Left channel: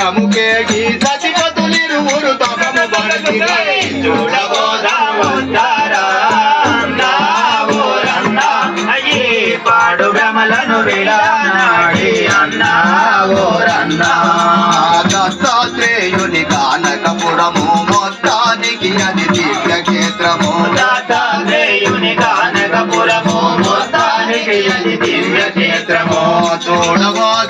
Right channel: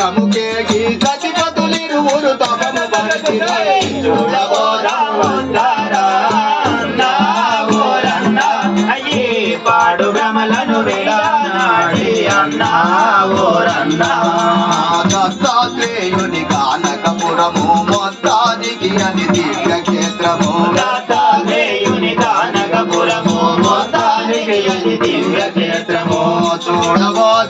సంఘముకే ఈ సతిపతులిరువురు తపము బలకి అయ్యే పాడు గమలను విడానాడి అన్నా ఓరన్నా. దత్తాత్రేయుని కానకపురము మొత్తానికి అని దివ్యక్షేత్రము. దత్తాత్రేయుని కానకపురము మొత్తానికి అని దివ్యక్షేత్రము. చూడబోద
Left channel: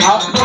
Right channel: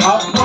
好。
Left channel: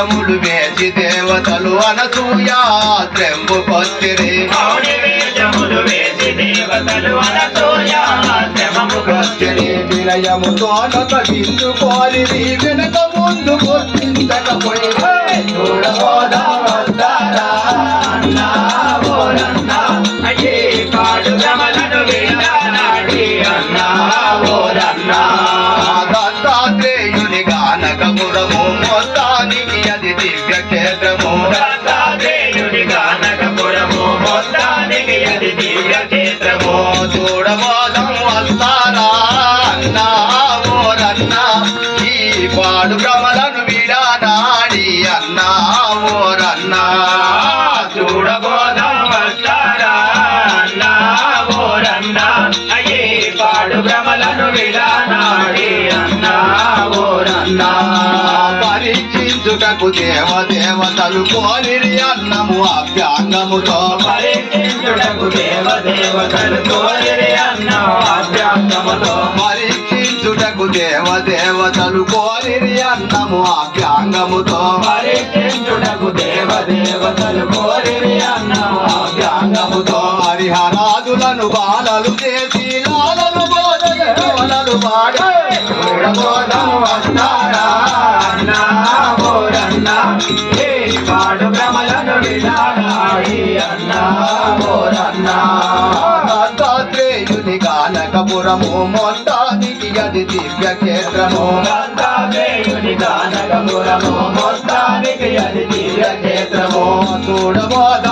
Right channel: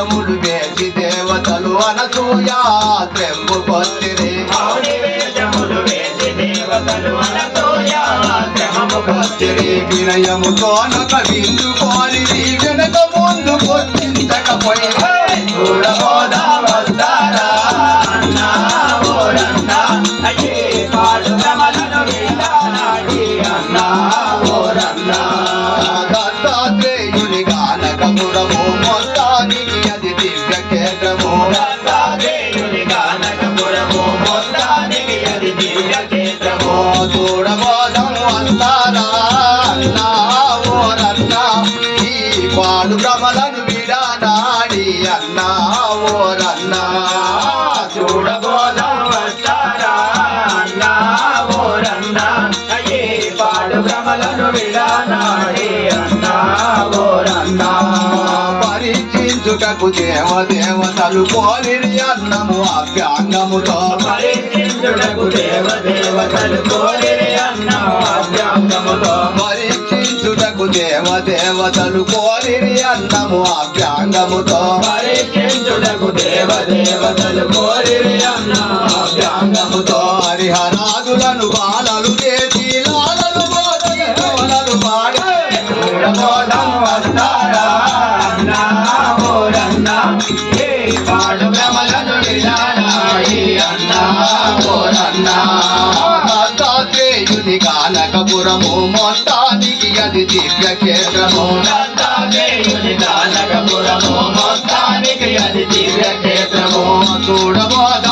కిరీటములు వేసి దేవతలు అనసూయ త్రెంబు కొత్తిరి. వినయముతో కవిందుకోని వీడినక ముందు గుర్తించకపోయి. చూడబోదా వస్తారా బ్రతుకకు దేవ దేవతలు కోరిరి అన్నము అభ్యాంగముతో. పరీక్షించుటకు దేవ దేవతలు కోరిరి అన్నము అభ్యాంగముతో. పరీక్షించుటకు దేవ దేవతలు కోరిరి అన్నము అభ్యాంగముతో హరిహరాదులను బా దేవుని గానకపురము మొత్తానికి అది దివ్య క్షేత్రము దేవుని గానకపురము మొత్తానికి అది దివ్య క్షేత్రము చూడబోద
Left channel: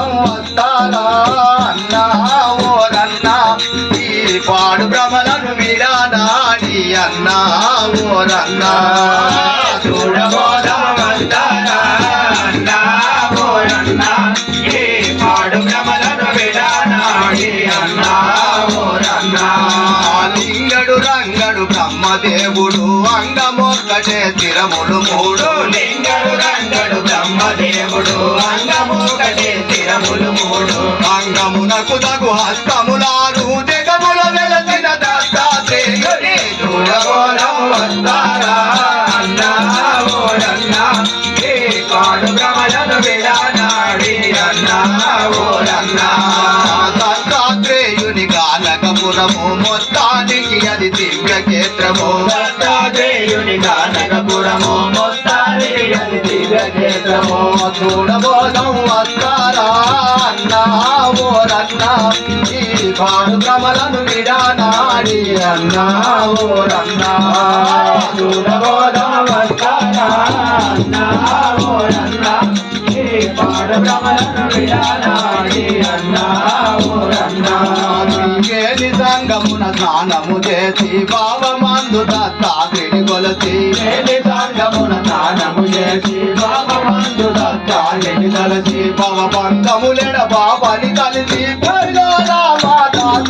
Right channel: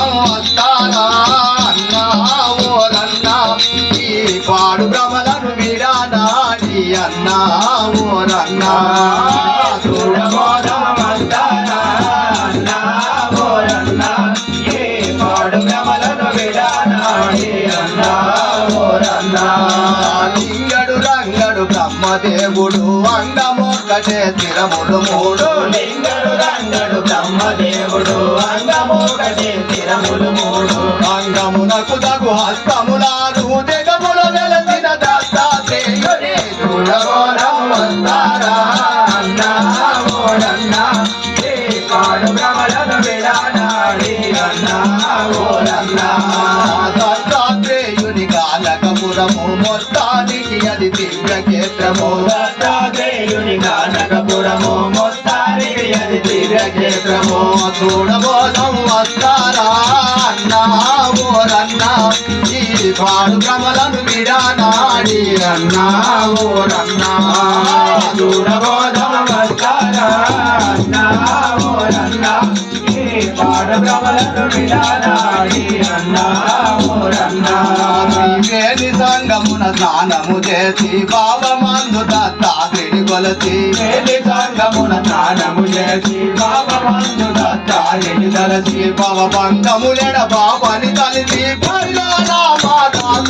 పాడు విడానాడి అన్నా ఓరన్నా చూడబోదాం వస్తారా అన్నా ఓరన్నా ఈ పాడు భ్రమలను విడానాడి అన్నా ఓరన్నా సంగమున స్నానము చేసి పావమందు దత్తాత్రిని కొలసి. మేలి సంగమున స్నానము చేసి పాపమందు దత్తాలిని తలచి పవ బంధములెడ కలిసి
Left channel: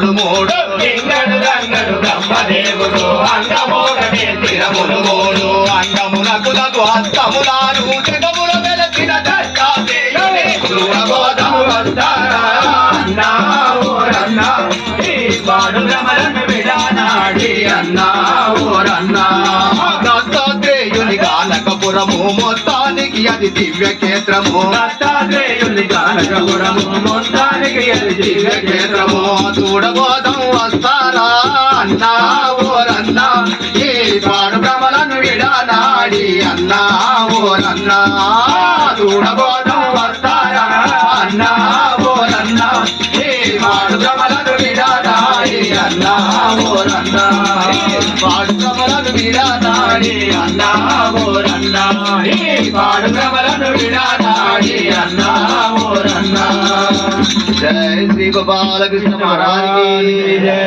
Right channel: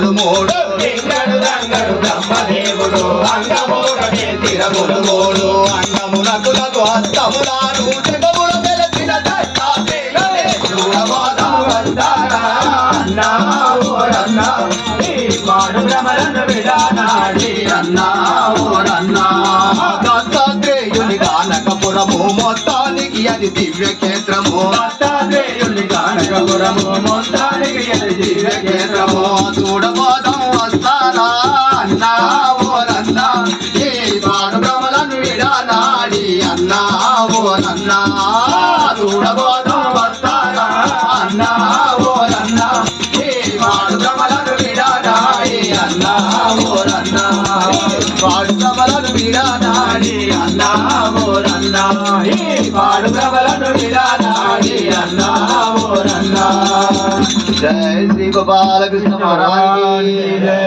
తిరములు మూడు. లింగడు రంగడు బ్రహ్మదేవుడు అంగమోకటే తిరములు మూడు. అంగమునకు నగు హస్తములారు జగముల వెలసిన దత్తాత్రేయుని చూడబోదాం వస్తారా పాడు భ్రమలను విడానాడి అన్నా ఓరన్నా. దత్తాత్రేయుని కానకపురము మొత్తానికి అది దివ్య క్షేత్రము దత్తాత్రేయుని గానకపురము మొత్తానికి అది దివ్య క్షేత్రము అన్నా ఓరన్నా ఈ పాడు భ్రమలను విడనాడి అన్నా ఓరన్నా చూడబోదాం వస్తారా అన్నా ఓరన్నా ఈ పాడు భ్రమలను విడానాడి అన్నా ఓరన్నా పాడు భ్రమలను విడనాడి నాడి అన్నా ఓరన్నా ఈ పాడు భ్రమలను విడానాడి అన్నా ఓరన్నా జై శ్రీ గోపాలకృష్ణ మహారాజ్ జై.